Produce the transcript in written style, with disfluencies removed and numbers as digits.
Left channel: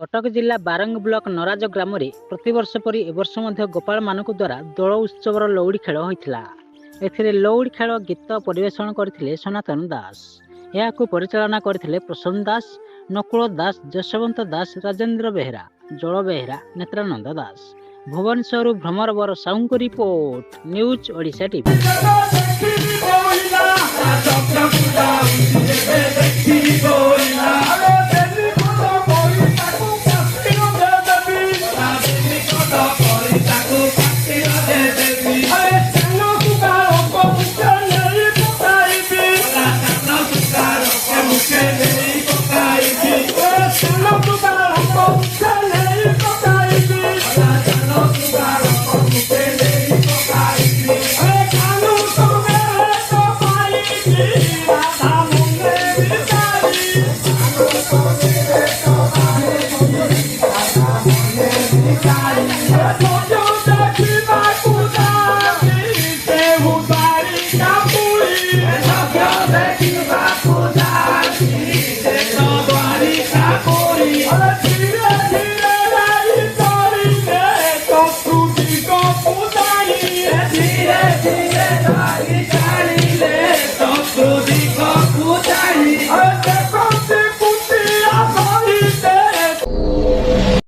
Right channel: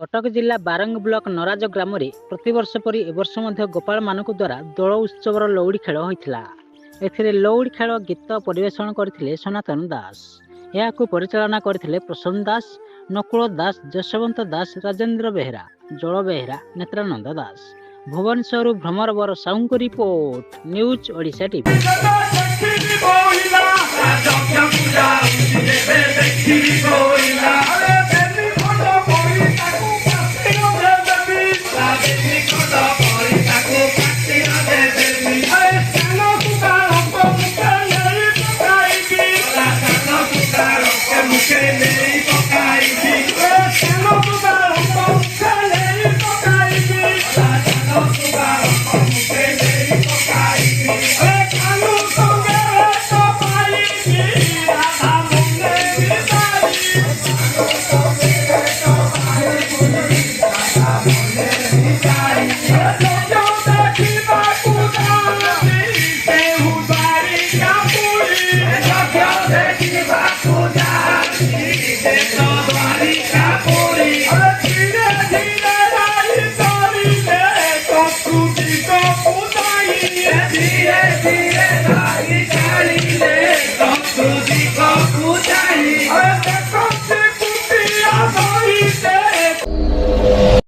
कटक जिला बारंग ब्लॉक नराज ग्राम रे प्रतिवर्ष परी एवर्ष मध्य गोपाल मानक द्वारा दोल उत्सव लौड़ी खेल होता। एथिरे लौड़ी खेल गीत परिवेषण करथिले सनातन दास। यहाकू परिचालना करथिले प्रसन्न दास, नकुल दास, जशवंत दास, राजेंद्र बेहरा, जल बेहरा, नेत्रानंद दास। भुवनेश्वर भ्रमर बर sound report news Odisha TV.